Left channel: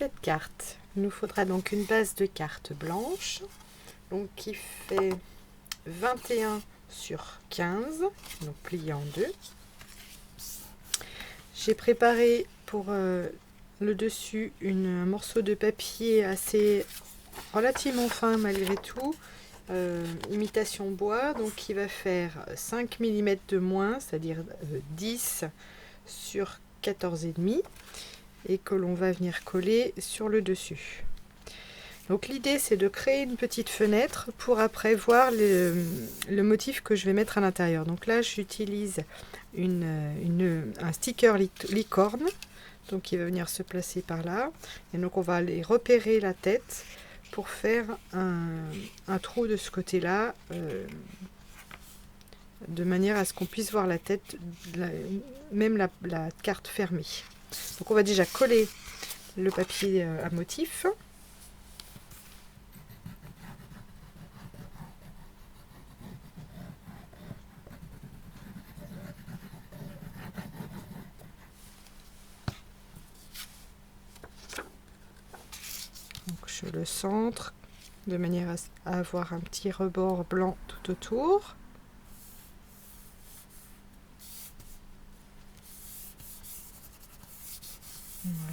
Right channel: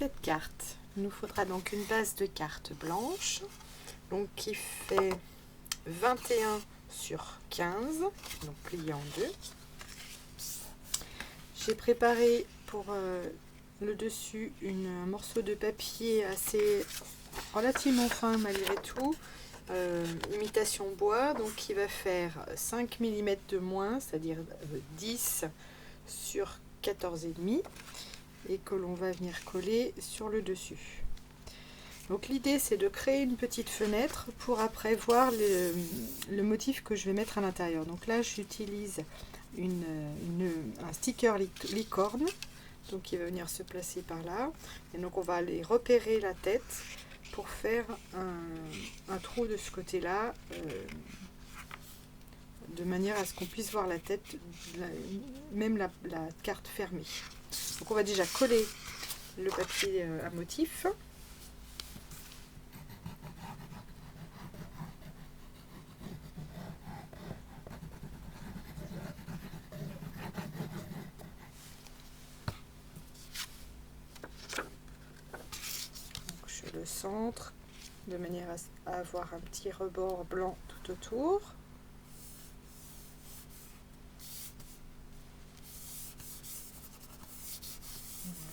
cette carte, il nous faudra donc une base de carte blanche, donc qui fait 21 sur 15, donc plié en deux. J'ai préparé pour le dessus un morceau de papier assez relativement fin malgré tout, imitation bois, donc qui va faire 5 mm de moins, c'est-à-dire 10 sur 14,5, et que l'on va venir coller sur le dessus. Donc l'idée c'est de créer une petite fenêtre pour après voir le motif que je vais mettre à l'intérieur. Donc là j'utilise un sticker licorne, donc qui va venir se placer par là, et donc on va aller repérer la tête pour faire un trou de ce côté là, de manière à ce qu'on puisse voir la tête, même la carte fermée. Donc on va déjà coller le papier à motif. Donc je le centre de manière à avoir un petit rebord blanc tout autour.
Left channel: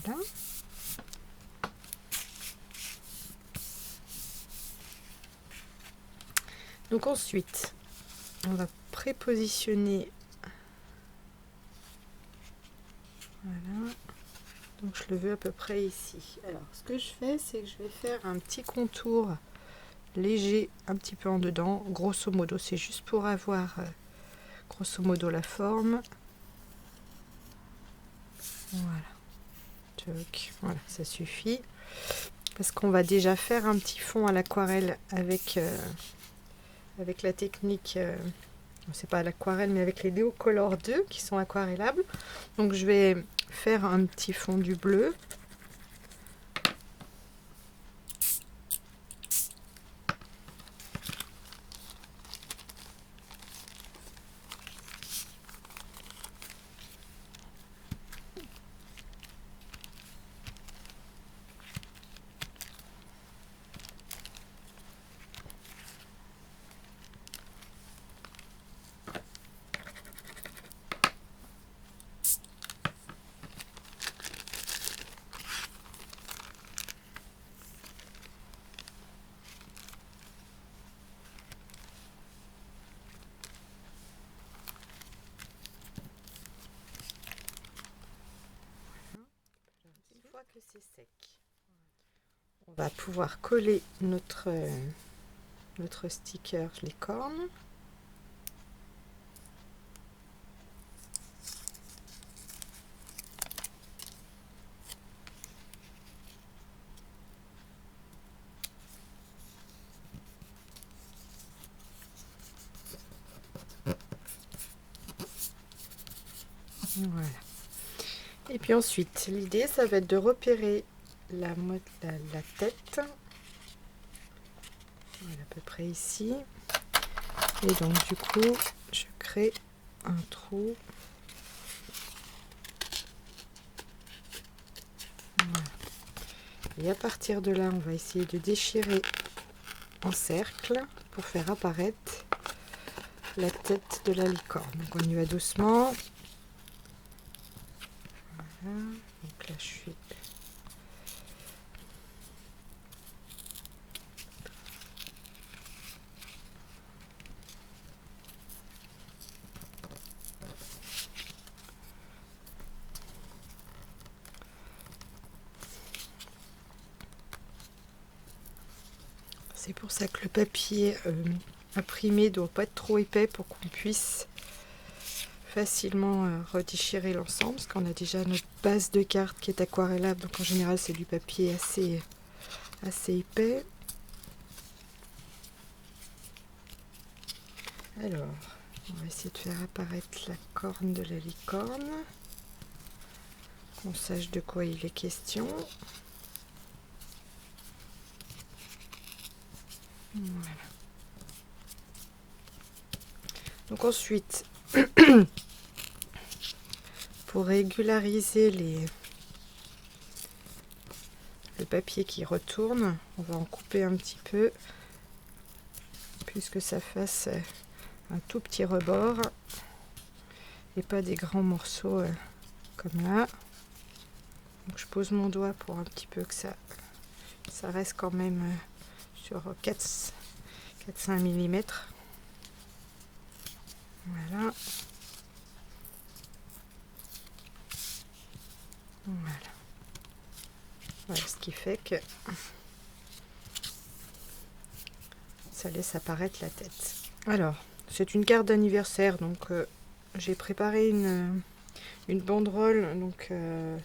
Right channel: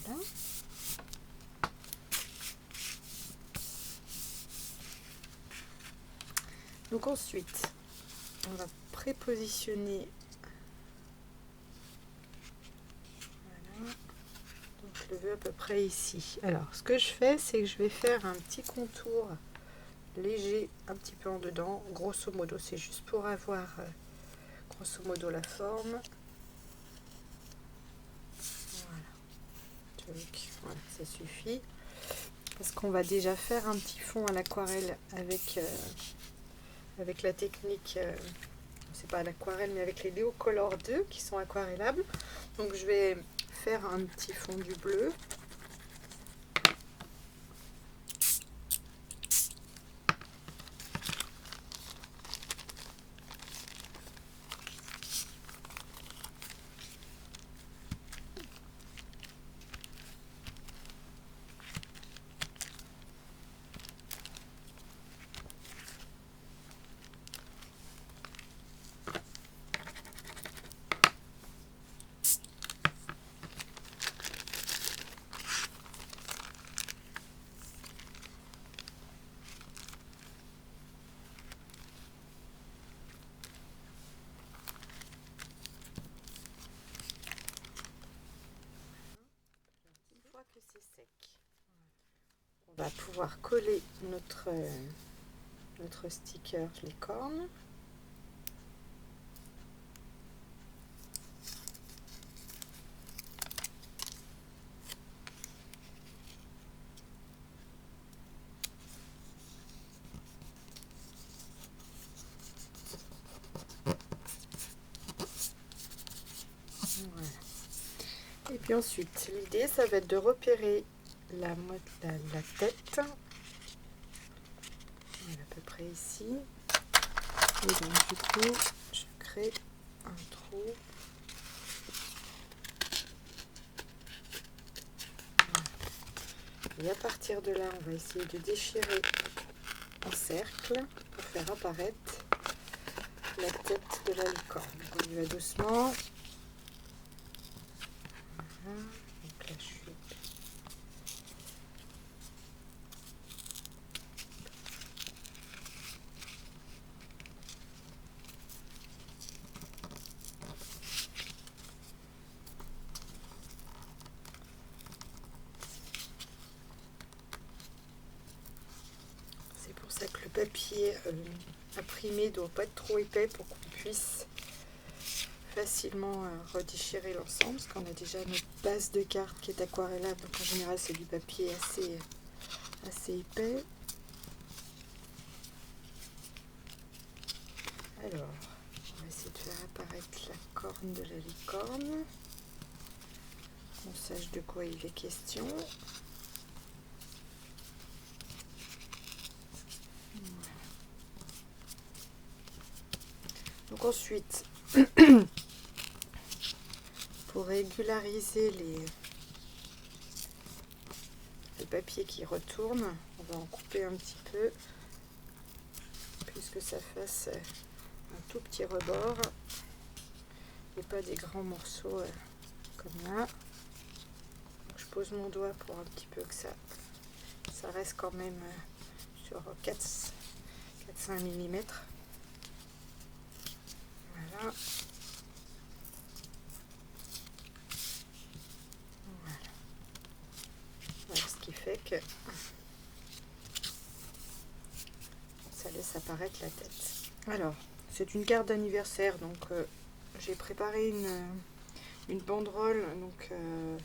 Voilà. Donc ensuite, on va prépositionner. Voilà. Donc je le veux à peu près ici. Alors ce que je fais, c'est que je vais faire un petit contour léger un petit peu en dedans. Grosso modo, c'est juste pour avoir grosso modo la forme. Voilà. Voilà, ça suffit. Parce qu'on va déjà faire un petit fond à l'aquarelle avec la technique, c'est pas l'aquarelle, mais avec les Neocolor 2 qui sont aquarellables. Donc je vais faire un petit fond du bleu. Que c'est sec, on va pouvoir coller notre sticker licorne. Voilà. Et puis ensuite, l'idée, ça va être de repérer la tête. Voilà, à peu près ici. Et donc, du coup, je crée un trou. Voilà. Et à partir de là, on va essayer de déchirer en cercle pour faire apparaître la tête de la licorne. Donc, on y va doucement. Voilà. Donc là, je suis... C'est pour ça que le papier imprimé ne doit pas être trop épais pour qu'on puisse facilement redéchirer l'ensemble, parce qu'on a déjà notre base de carte qui est aquarellable, donc en général c'est du papier assez épais. Alors, on va essayer de faire apparaître la corne de la licorne, qu'on sache de quoi il est question. Voilà. Donc ensuite, pour régulariser papier qui retourne. On va en couper un petit peu, puisque ça fasse un tout petit rebord et pas des grands morceaux comme là. Donc je pose mon doigt pour un petit peu que ça reste quand même sur 4-5 mm. Voilà. Voilà ce qui fait que ça laisse apparaître la tête. Alors, c'est une carte d'anniversaire, donc j'ai préparé une banderole. Donc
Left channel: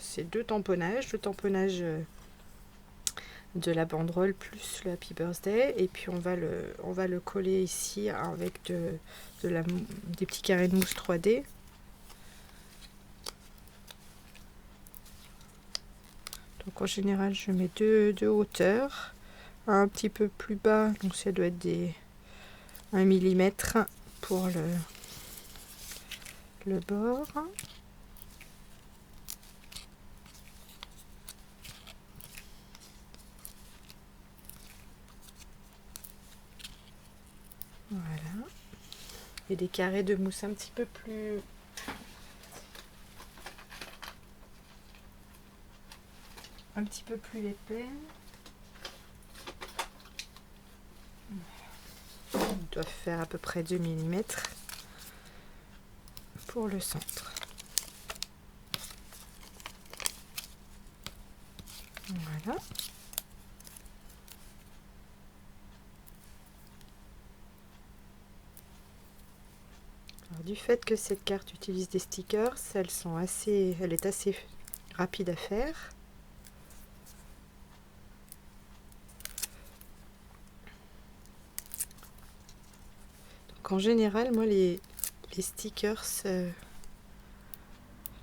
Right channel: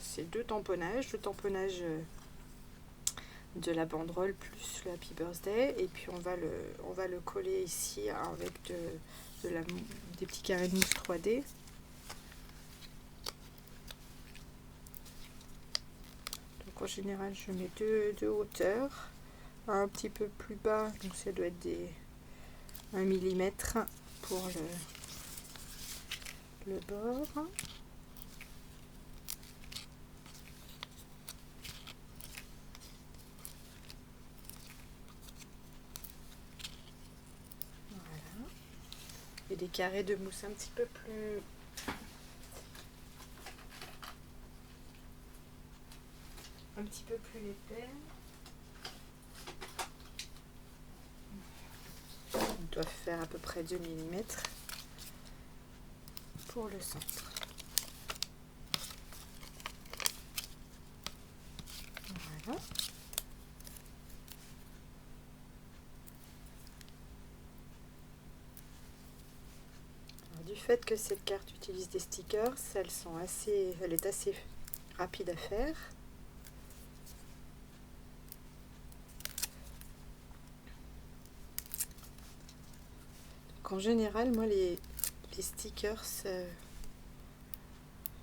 c'est deux tamponnages, le tamponnage de la banderole plus le Happy Birthday, et puis on va le coller ici avec des petits carrés de mousse 3D. Donc en général je mets deux hauteurs, un petit peu plus bas, donc ça doit être 1 mm pour le bord. Voilà. Et des carrés de mousse un petit peu plus épais. Ils doivent faire à peu près 2 mm pour le centre. Voilà. Alors, du fait que cette carte utilise des stickers, elle est assez rapide à faire. Donc en général, moi les stickers,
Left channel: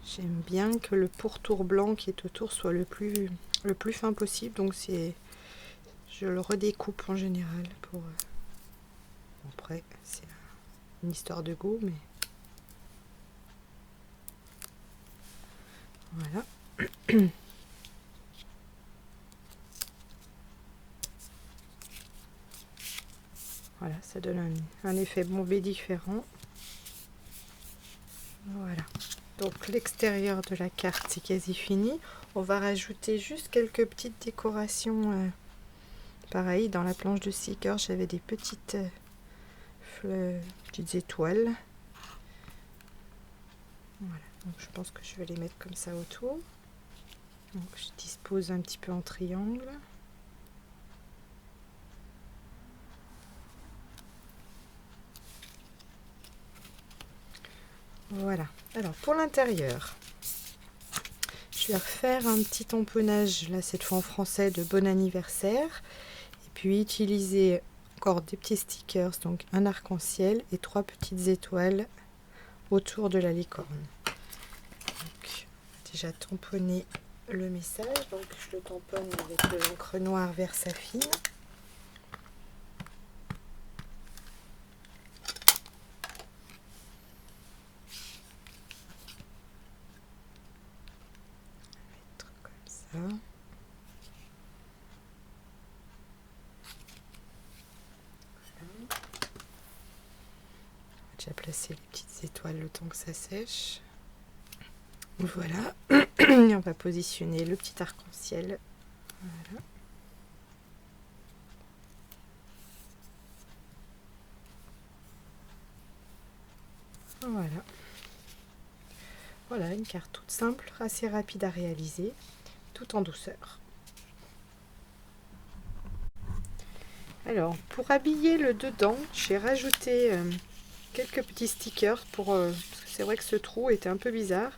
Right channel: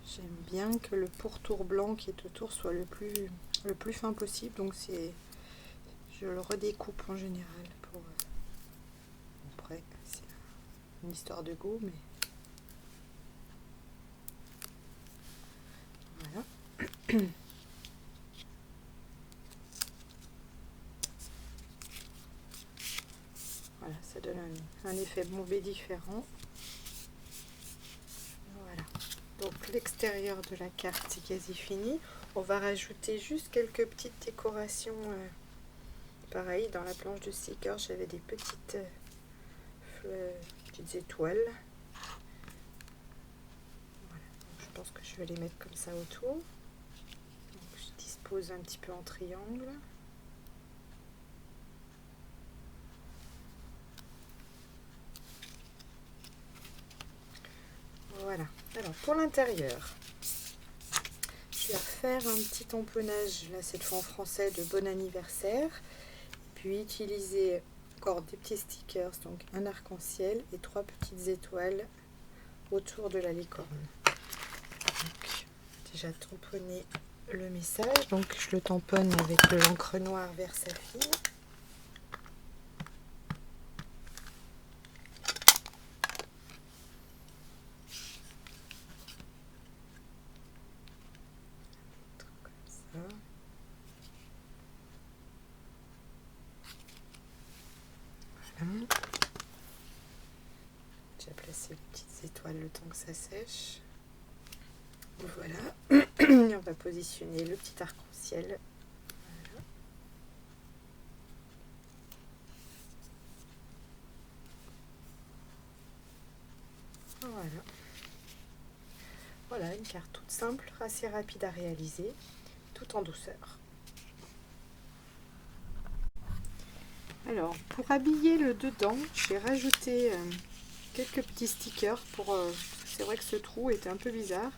j'aime bien que le pourtour blanc qui est autour soit le plus fin possible. Donc je le redécoupe en général pour après c'est une histoire de goût, mais voilà. Voilà, ça donne un effet bombé différent. Voilà, donc l'extérieur de la carte c'est quasi fini. On va rajouter juste quelques petites décorations. Pareil, dans la planche de sticker, j'avais des petites étoiles. Voilà, donc je pense que je vais les mettre comme ça autour. Donc je dispose un petit peu en triangle. Voilà. Alors pour l'intérieur, je vais refaire un petit tamponnage, là cette fois en français, de bon anniversaire. Et puis utiliser encore des petits stickers, donc un arc-en-ciel et 3 petites étoiles autour de la licorne. Donc, déjà tamponner le message, donc je le tamponne avec de l'encre noire Versafine. Comme ça. Voilà. J'ai placé les petites étoiles le temps que ça sèche. Voilà. On va positionner le petit arc-en-ciel. Voilà. Voilà. Voilà, une carte toute simple, assez rapide à réaliser, tout en douceur. Alors, pour habiller le dedans, j'ai rajouté quelques petits stickers pour... c'est vrai que ce trou était un peu bizarre.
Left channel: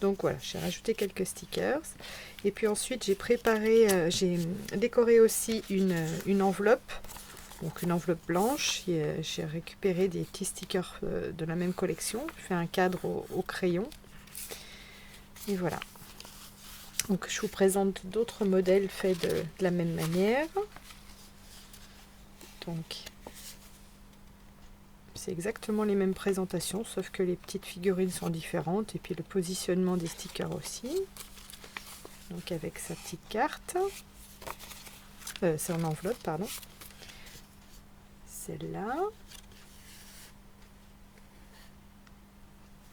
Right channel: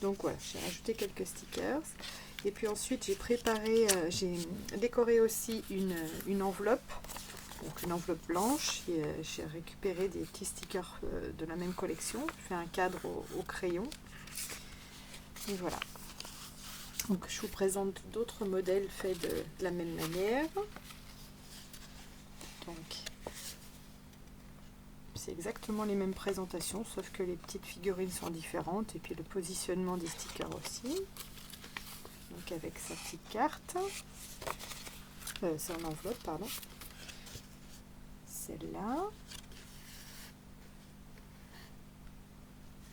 Donc voilà, j'ai rajouté quelques stickers. Et puis ensuite, j'ai décoré aussi une enveloppe. Donc une enveloppe blanche. J'ai récupéré des petits stickers de la même collection. J'ai fait un cadre au crayon. Et voilà. Donc je vous présente d'autres modèles faits de la même manière. Donc c'est exactement les mêmes présentations, sauf que les petites figurines sont différentes et puis le positionnement des stickers aussi. Donc avec sa petite carte, son enveloppe, pardon. Celle-là.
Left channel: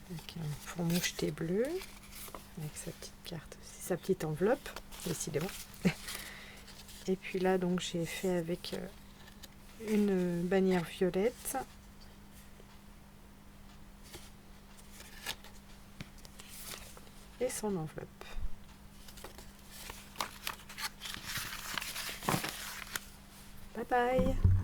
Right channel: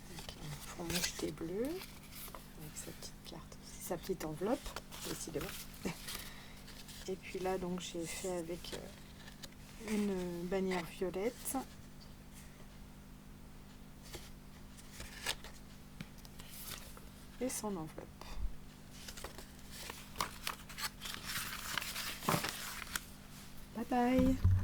Avec un fond moucheté bleu. Avec sa petite carte aussi, sa petite enveloppe, décidément. Et puis là, donc j'ai fait avec une bannière violette. Et son enveloppe. Bye bye!